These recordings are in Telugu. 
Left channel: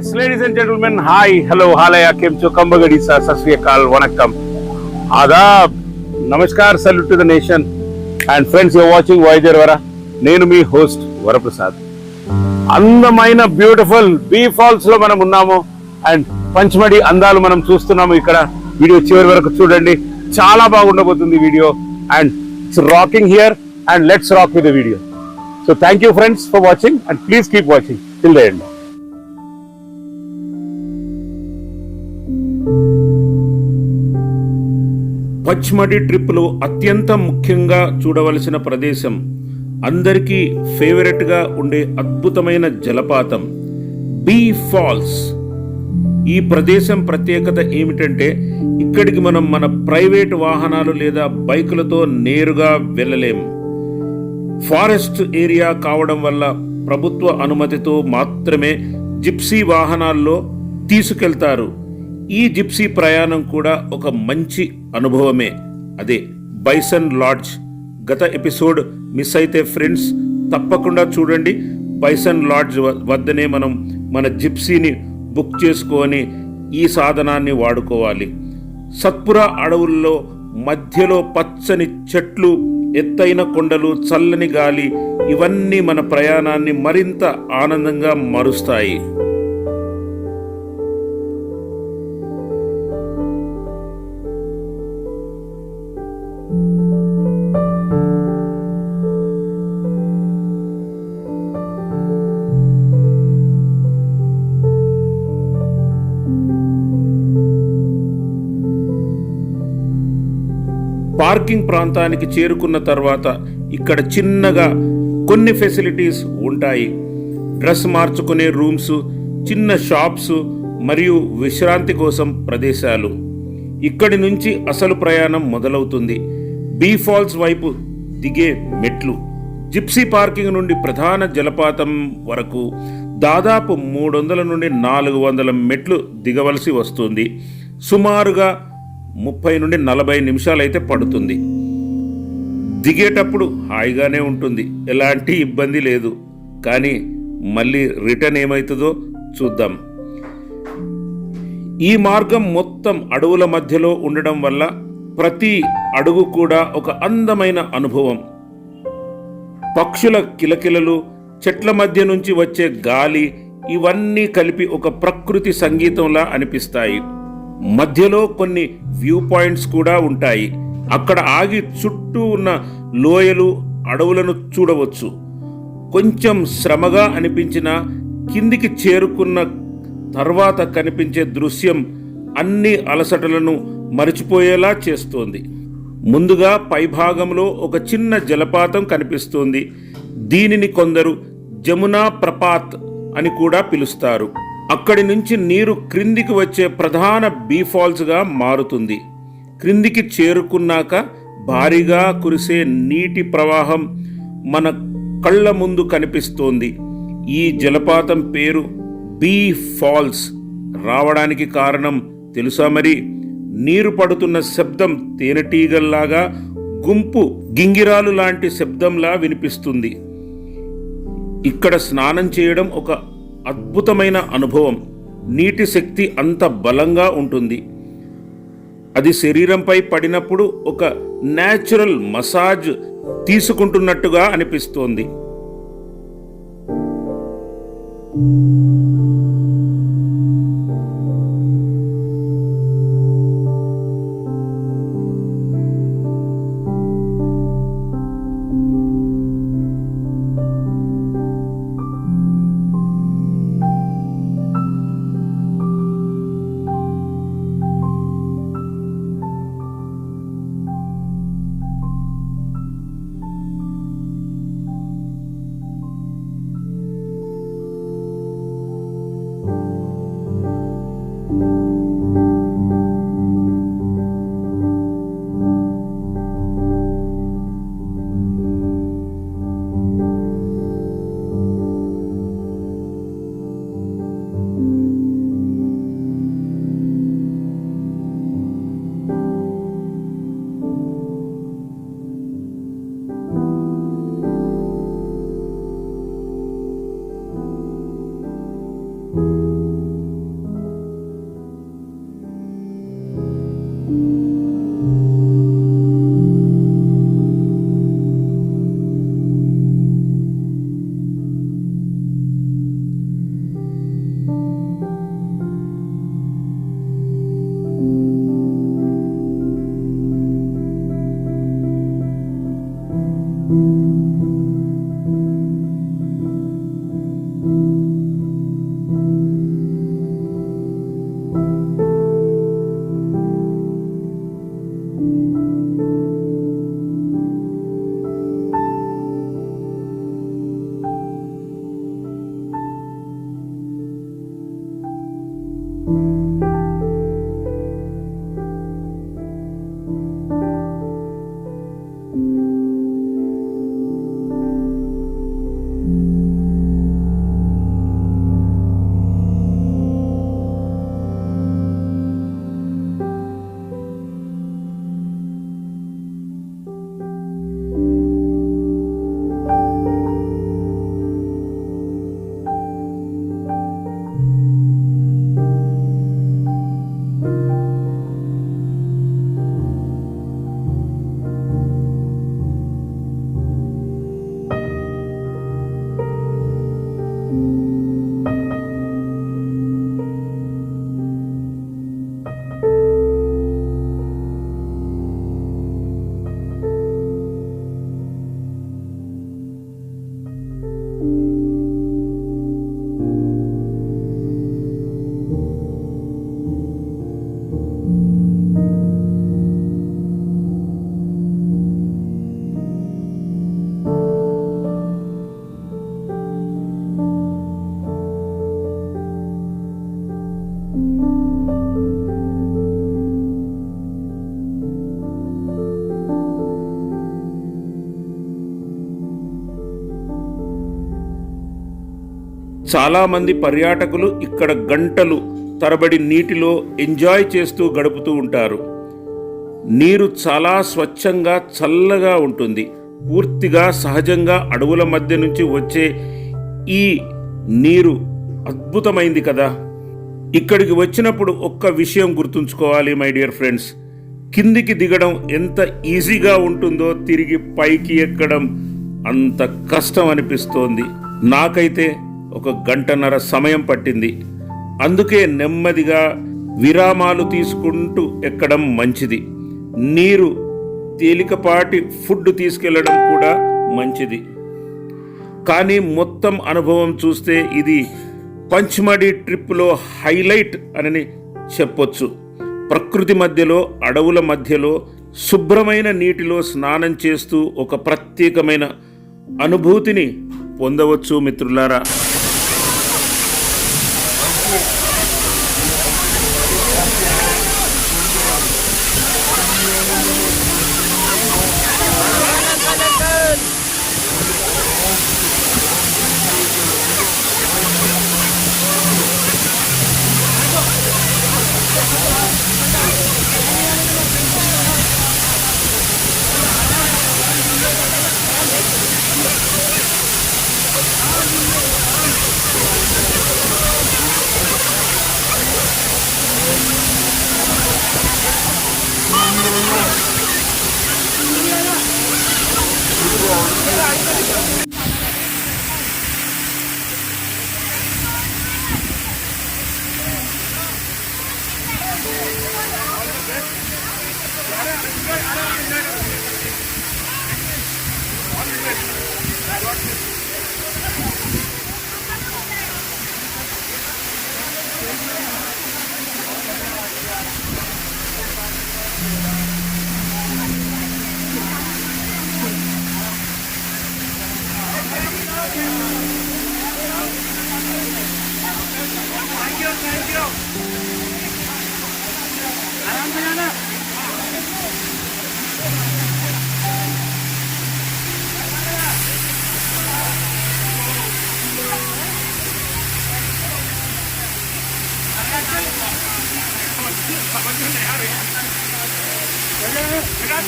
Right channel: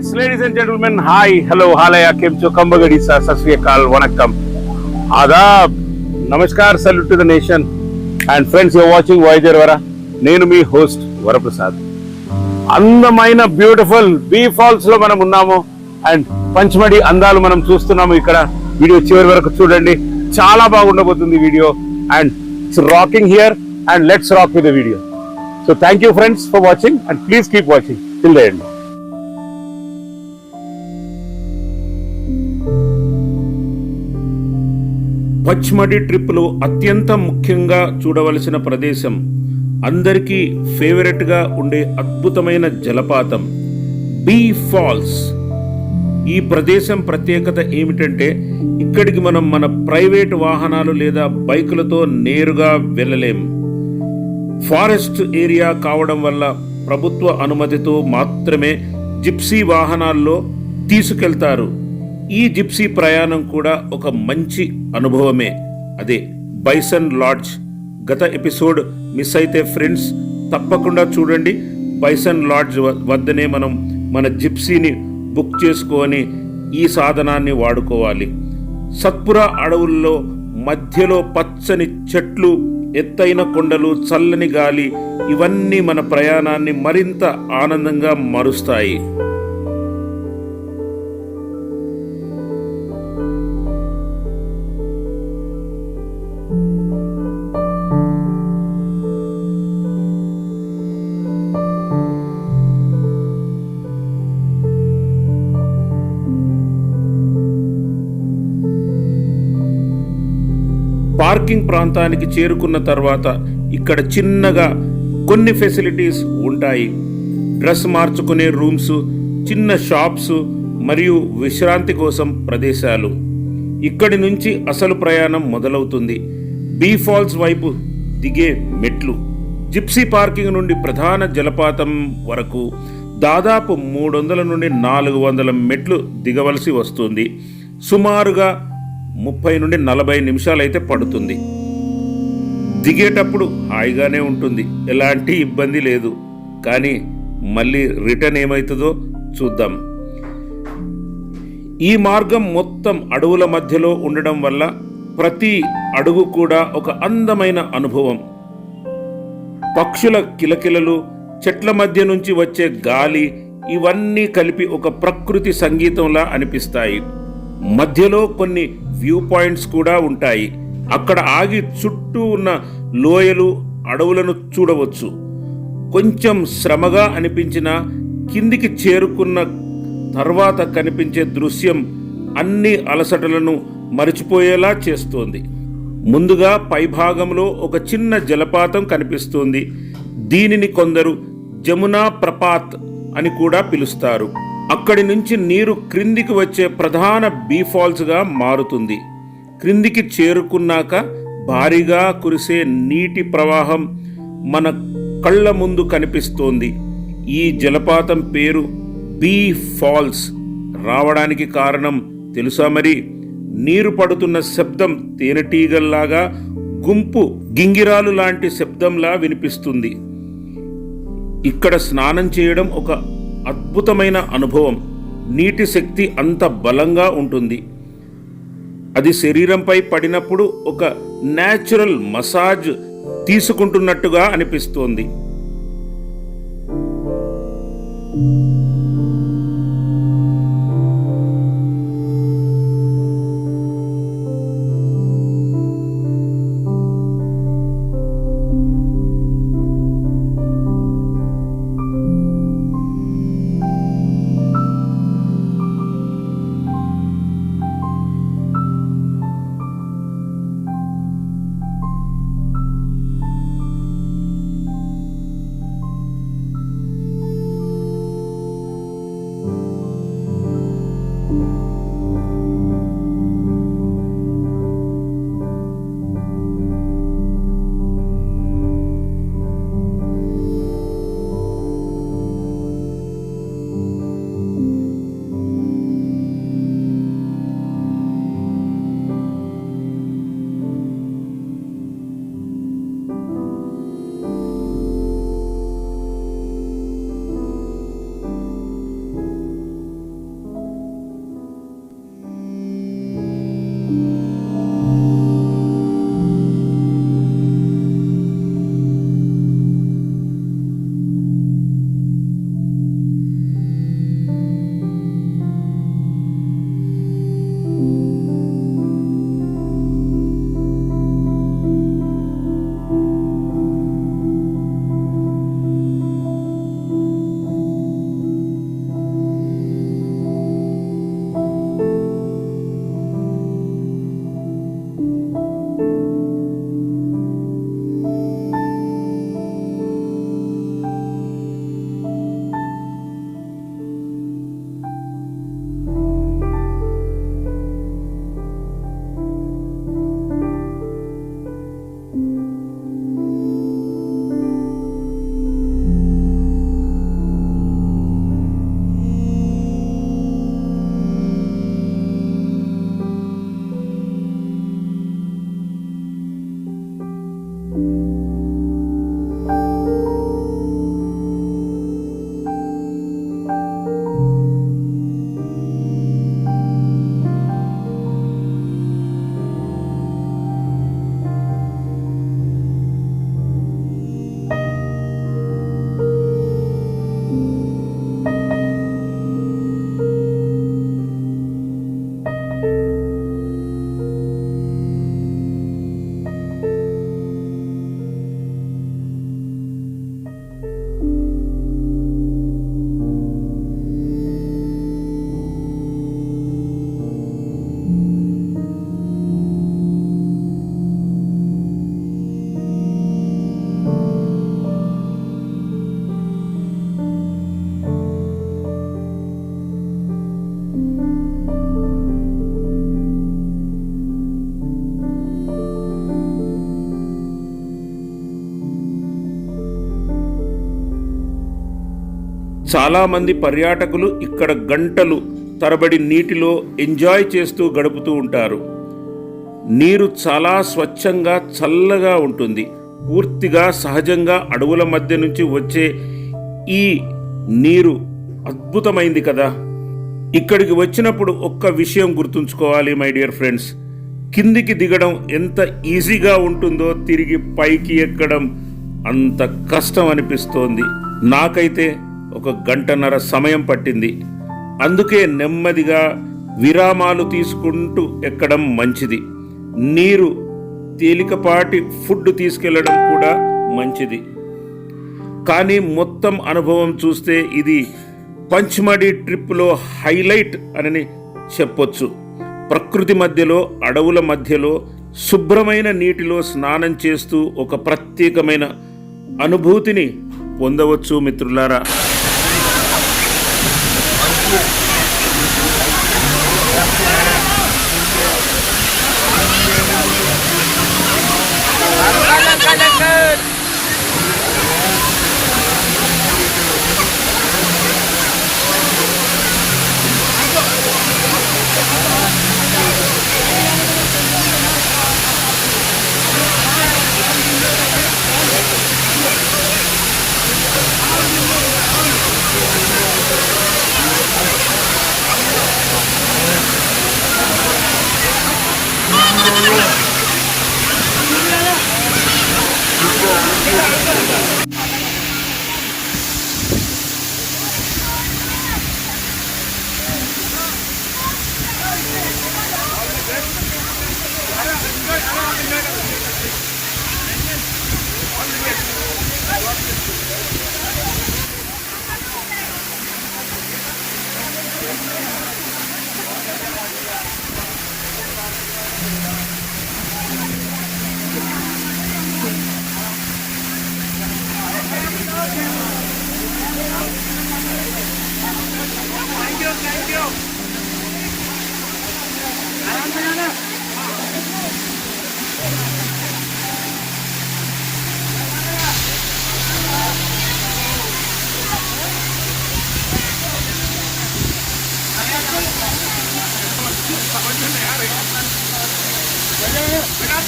friends, ladies and gentlemen, hi, hello, halaya, kem cho, kambagadi sa, sasriyakal, vanakkam, adab, namaskar, salute to the nation. And friends, you're watching Voyager Vara. నేను మీ హోస్ట్ వరప్రసాద్. అందమైన బ్యూటిఫుల్ బీ ఫాల్స్ లో మనం ఉన్నాము అండ్ పంచమడి అందాలు మనం చూస్తున్నాము. ఇక్కడ వీడియో చివరి వరకు చూడండి, చాలా బాగుండబోతుంది వీడియో. And it's rocking here and let's rock with the video. So thank you friends for watching and please keep watching till the end. Pachmarhi ట్రిప్లో అత్యంత ముఖ్యంగా చూడవలసిన ప్రదేశం, అందరికీ ఫేవరెట్గా ఉండే అద్భుతమైన జలపాతం బీ ఫాల్స్. ఈ ప్రదేశం ప్రత్యేకత ఏమిటంటే ఇక్కడికి మనం మన ప్రైవేట్ వాహనాలు లేదా బైకులతో నేరుగా వెళ్ళలేం. ఫారెస్ట్ ఏరియా కావడం వల్ల ప్రభుత్వ అనుమతితో మాత్రమే జిప్సీ వాహనాల్లో తీసుకెళ్తారు. ఈ జిప్సీ ప్రయాణం కూడా ఒక మంచి అనుభవమే, అదే బైసన్ లాడ్జ్. గత ఎపిసోడ్ మిస్ అయితే ఫ్రెండ్స్ తప్పకుండా చూడండి. బైసన్ లాడ్జ్ వద్దనే మనం మన జిప్సీని బుక్ చేసుకొని ఈ సాధనాన్ని వాడుకోవాలి. సత్పురా అడవుల్లో మధ్యలో పచ్చని చెట్లు, ఎత్తైన కొండలు, చల్లని గాలి, ఇవన్నీ మన ప్రయాణాన్ని మరింత ఆనందంగా మారుస్తాయి. పార్కింగ్ ప్రాంతానికి చేరుకున్న తర్వాత ఇక్కడ చిన్నగా కొన్ని ఫెసిలిటీస్ ఉంటాయి. డ్రెస్ మార్చుకునే రూమ్స్, చిన్న షాప్స్ మరియు విశ్రాంతి కోసం ప్రదేశాలు. ఇక్కడి నుంచి అసలు ప్రయాణం మొదలవుతుంది. బీ ఫాల్స్ వైపు దిగే మెట్లు. జిప్సీ పార్కింగ్ నుండి ప్రధాన జలపాతం వరకు దాదాపు 300 నుండి 400 మెట్లు దిగవలసి వస్తుంది. సుమారుగా 30 నుండి 40 నిమిషాలు అయితే పడుతుంది. దిగేటప్పుడు హాయిగానే ఉంటుంది, ఎలాంటి ఇబ్బంది లేదు. కానీ మళ్ళీ రిటర్న్ ఏమవుతుందో చూద్దాం. ఈ మార్గం మొత్తం అడవుల మధ్యలో ఉండడం వల్ల ప్రతి అడుగు కూడా ఒక అందమైన అనుభవం. పక్షుల కిలకిలలు, చెట్ల మధ్య నుంచి వచ్చే గాలి, ఇవన్నీ కలిపి ఒక ప్రకృతి సంగీతంలా అనిపిస్తాయి. మధ్యలో కొన్ని వ్యూ పాయింట్స్ కూడా ఉంటాయి. అక్కడ ఆగి చుట్టూ ఉన్న లోయలు, అడవులను చూడవచ్చు. కొంచెం శ్రమగా అనిపించినా కిందికి చేరుకున్న తర్వాత కనిపించే దృశ్యం అన్ని అలసటలను మరిచిపోయేలా చేస్తోంది. ముందుగా పైభాగంలో ఒక చిన్న జలపాతం కనిపిస్తుంది. దీనిని కొందరు జమునా ప్రపాత్ అని కూడా పిలుస్తారు. అక్కడి నుంచి నీరు క్రిందికి వచ్చే ప్రధాన బీ ఫాల్స్గా మారుతుంది. క్రిందికి చేరుకున్నాక భారీగా కురిసే నీటి ప్రవాహం మన కళ్ళ ముందు కనిపిస్తోంది. ఈ జలపాతం పేరు బీ ఫాల్స్ రావడానికి కారణం తెలుసా మరి? నీరు పడుతున్న శబ్దం తేనెటీగల్లాగా, గుంపు గింగిరాలు లాంటి శబ్దంలా వినిపిస్తుంది. ఇక్కడ స్నానం చేయడం ఒక అద్భుతమైన అనుభవం. నీటి శక్తి అంత బలంగా ఉంటుంది. అది శరీరంపై పడినప్పుడు ఒక న్యాచురల్ మసాజ్ తీసుకుంటున్నట్టుగా అనిపిస్తోంది. చాలామంది పర్యాటకులు ఇక్కడ గంటలు తరబడి నీటిలో ఎంజాయ్ చేస్తూ గడుపుతూ ఉంటారు. నీరు చాలా స్వచ్ఛంగా చల్లగా ఉంటుంది. పూర్తిగా సహజంగా అడవుల మధ్య నుంచి వచ్చే ఈ నీరు అద్భుతమైంది కదా. ఇక్కడికి వచ్చినప్పుడు ఒక్క విషయం గుర్తుంచుకోవాలి మై డియర్ ఫ్రెండ్స్, కిందికి దిగడం ఎంత ఈజీగా ఉంటుందో తిరిగి పైకి ఎక్కడం అంత కష్టం అనిపిస్తోంది. నాకైతే 1 గంటన్నర సమయం పట్టింది. అందుకే నెమ్మదిగా విరామాలు తీసుకుంటూ ఎక్కడం మంచిది. నీరు తేలికపాటి ఫుడ్ తీసుకెళ్లడం కూడా మంచిది. కానీ మొత్తం అనుభవం చూస్తే ఇది పంచ్మడీ ట్రిప్లో హైలైట్ అని చెప్పొచ్చు. ప్రకృతి మధ్యలో, అడవుల మధ్యలో, శుభ్రమైన నీటిలో స్నానం చేస్తూ ఒక ప్రత్యేకమైన అనుభూతిని పొందవచ్చు మిత్రులారా.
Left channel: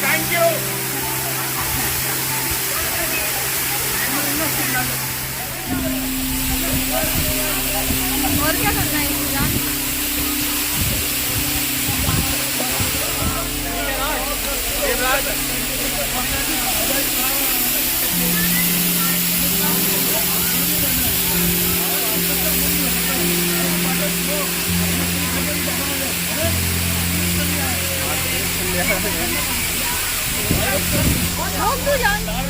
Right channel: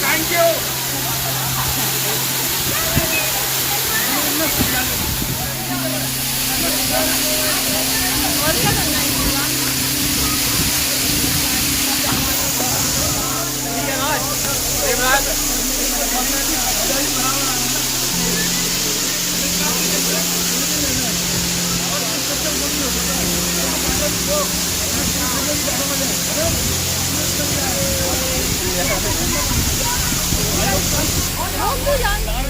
Thank you. और क्या करना है इसका? हम तो जानते हैं।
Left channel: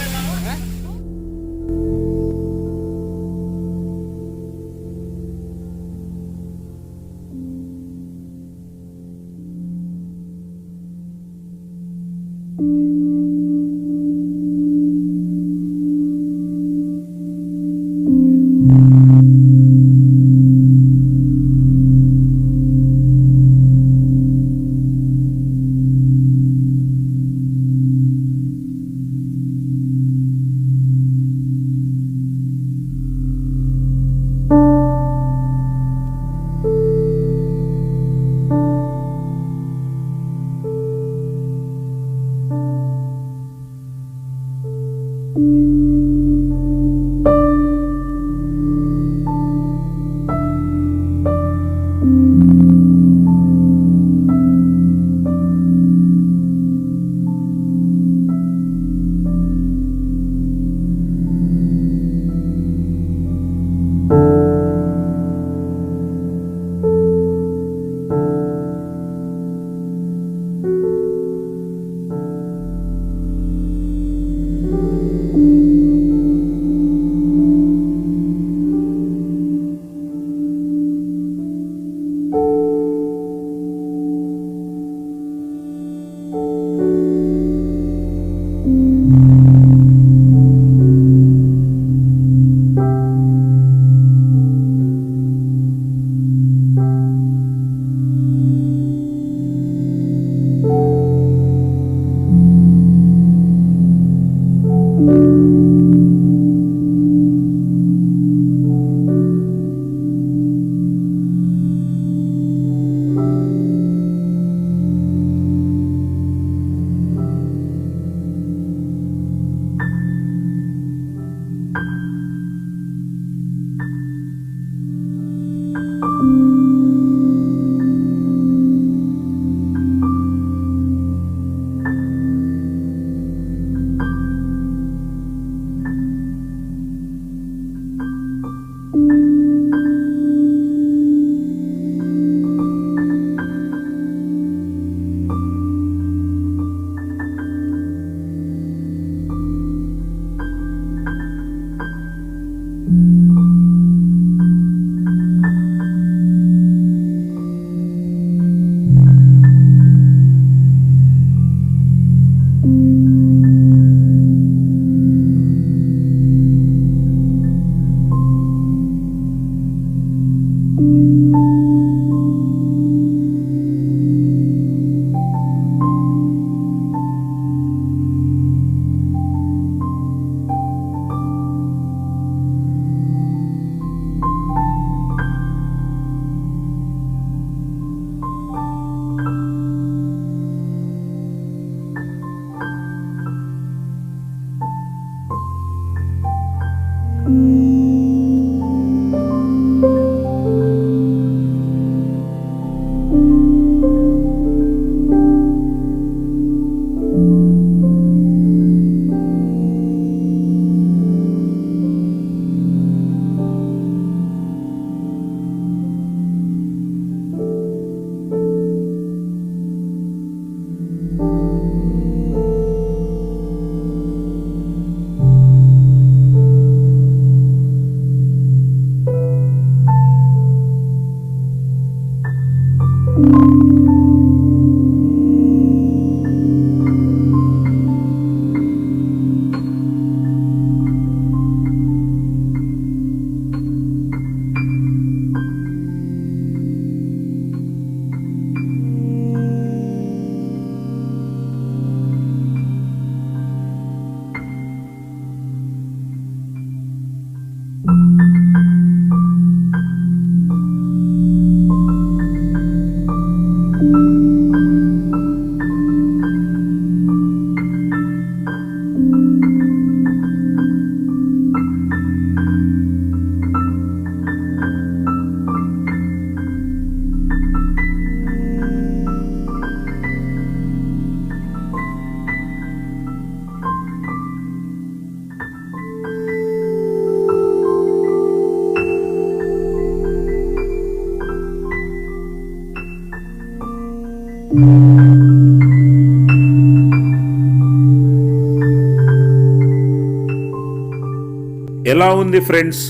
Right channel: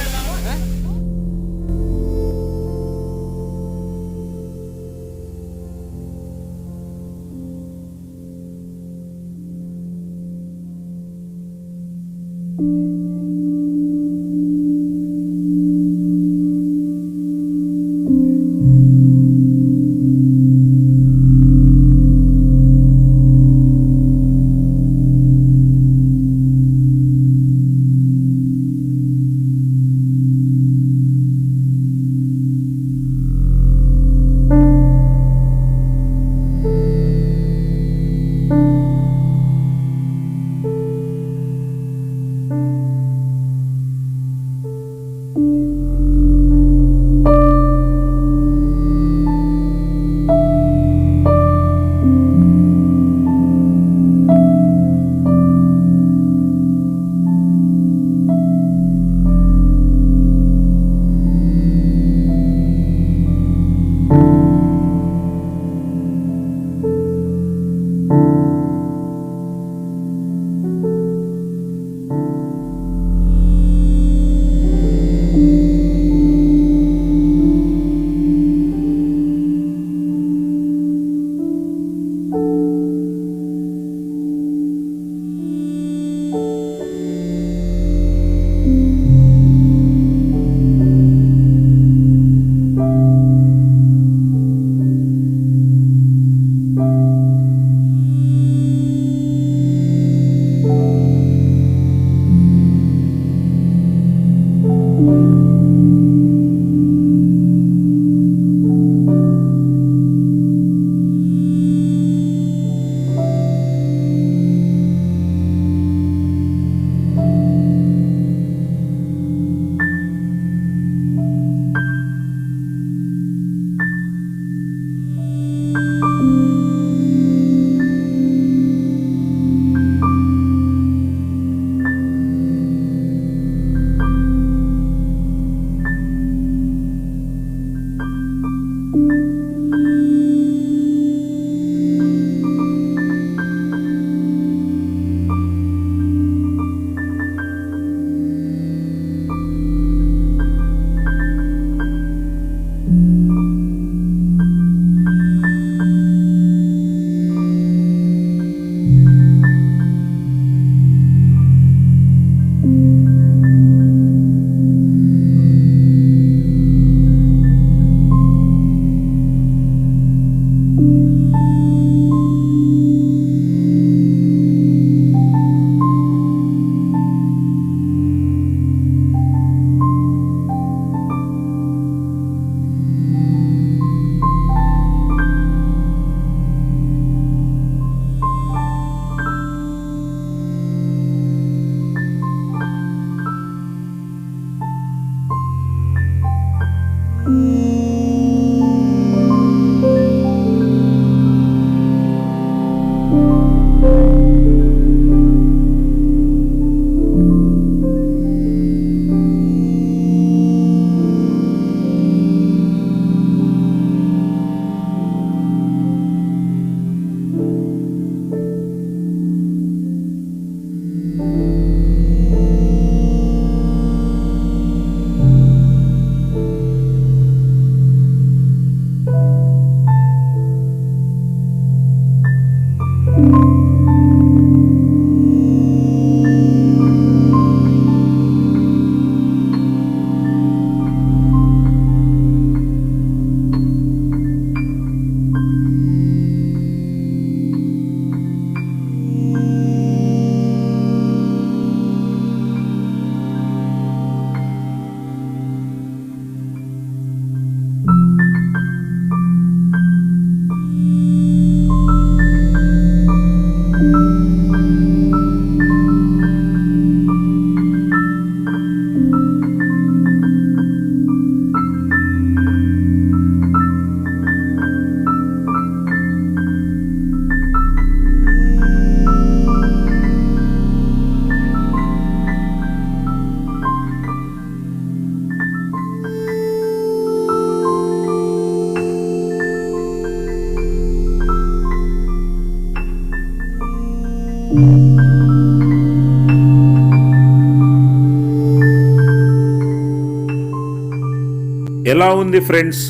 ఎలా ఉంది ఫ్రెండ్స్?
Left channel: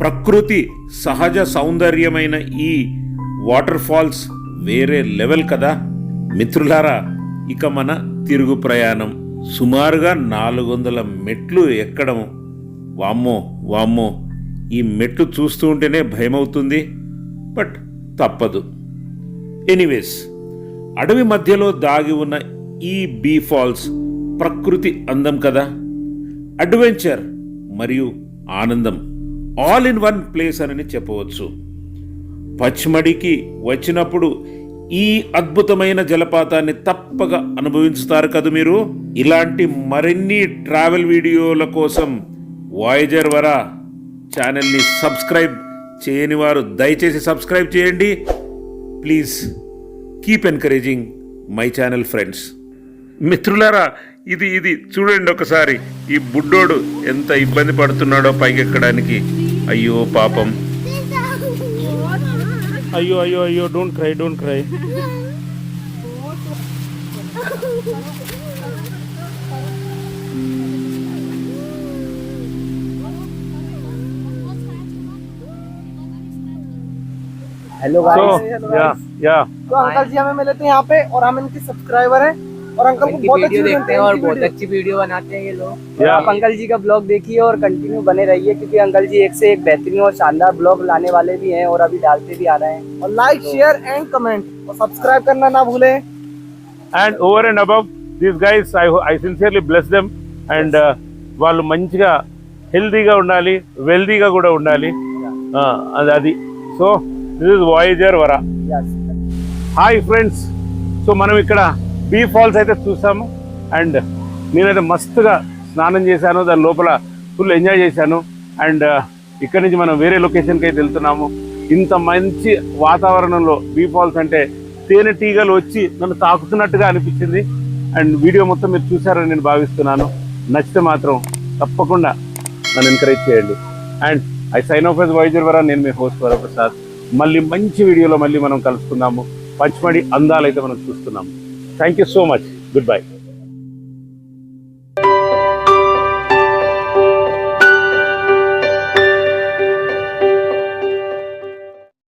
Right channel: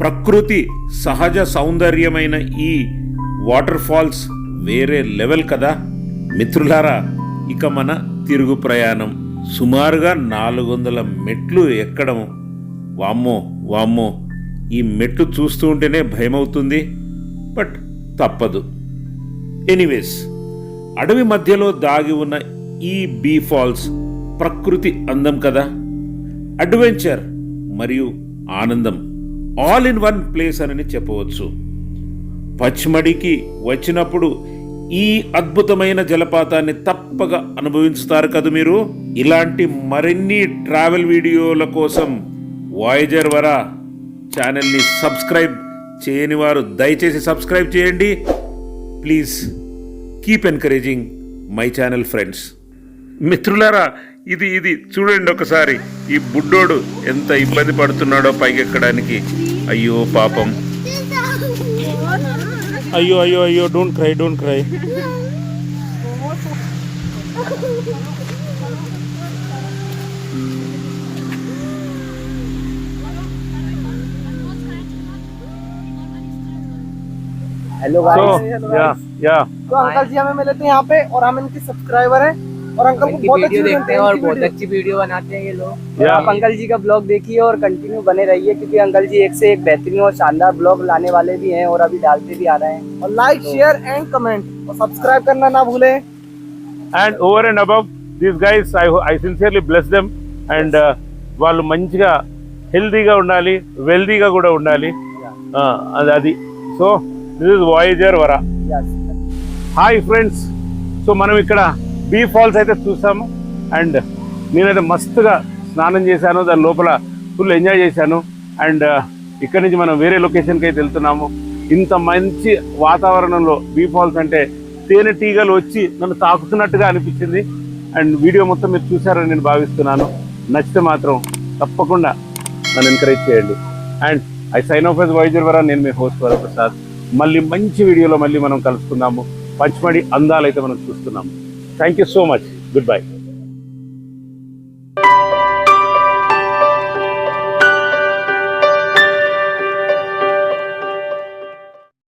ప్రకృతి సహజ సౌందర్యమైన ఈ వాటర్ ఫాల్స్ వేరే లెవెల్ కదా మిత్రులారా. ఇక మన తిరుగు ప్రయాణం సుమారుగా 400 మెట్లు ఎక్కడం. వామ్మో వామ్మో, ఈ మెట్లు చూస్తూ ఉంటేనే భయమవుతుంది, బట్ తప్పదు. ఎనీవేస్, అడవి మధ్యలో దాగి ఉన్న ఈ బీ ఫాల్స్ ప్రకృతి అందం కదా. అడ్వెంచర్ మరియు ఆనందం ఆల్ ఇన్ వన్ ప్లేస్ అని చెప్పవచ్చు. పచ్మడికి వచ్చినప్పుడు ఈ అద్భుతమైన జలపాతాన్ని తప్పక అనుభవించుతారు కదా మీరు. ఇలాంటి మరిన్ని ట్రావెల్ వీడియోల కోసం వాయేజర్ వరా ఛానల్ని సబ్స్క్రైబ్ చేయని వారు దయచేసి సబ్స్క్రైబ్ చేయండి. Please keep encouraging my channel friends. మిత్రులారా, ఇది చూడండి ఒకసారి. ఈ బుడ్డోడు ఎంత ఇబ్బంది పడుతున్నాడో పైకెక్కడానికి. అయ్యో పాపం. అయ్యో అయ్యో అయ్యో, don't cry, don't cry. Hello guys, तो अंकल जी हमें मिले थे यहाँ पे और हम इनके सब्सक्राइबर हैं और अंकल को बहुत अच्छी देखते हैं और बहुत अच्छी वीडियो बनाते हैं ये लोग। आप अंकल जी का ब्लॉग देखिए और कंटिन्यू बने रहिए, क्योंकि अंकल जी एक से एक बेहतरीन और शानदार ब्लॉग लाने वाले भी हैं और अभी डालते भी आ रहे हैं। और लाइक, शेयर एंड कमेंट और सब्सक्राइब करना ना भूलें। And over and above these guys, I sincerely bless them. And వాళ్ళు మంచిగా హెల్తీగా ఉండాలి, వెల్తీగా కూడా ఉండాలి. అది సో దిస్ ఇస్ వాయేజర్ వరా. హాయ్ ఫ్రెండ్స్, సో మనం ఇక్కడ బీ ఫాల్స్ అయితే చూసాము. అండ్ నేనైతే మస్తుగా స్నానం చేశాను, దాని లోపల ఫుల్ ఎంజాయ్ చేశాను. అండ్ ఇక్కడి నుంచి మనం వేరే లొకేషన్కి అయితే వెళ్తున్నాము. ఇంత మంచి వాతావరణంలో బీ ఫాల్స్ అంటే తేనెటీగలు వచ్చి నన్ను తాకుతున్నట్టుగా అనిపించింది. అండ్ వీడియో మొత్తం మీరు చూసారని నేను భావిస్తున్నాను. నచ్చితే మాత్రం తప్పకుండా నన్ను ఎంకరేజ్ చేయండి. And I sign off as voyager Vara. నేను మీ హోస్ట్ వరప్రసాద్. మళ్ళీ మంచి వీడియోలో మళ్ళీ మనం కలుసుకుందాము. పచ్మడి అందాలైతే మనం చూస్తున్నాము. Thank you so much. Good bye.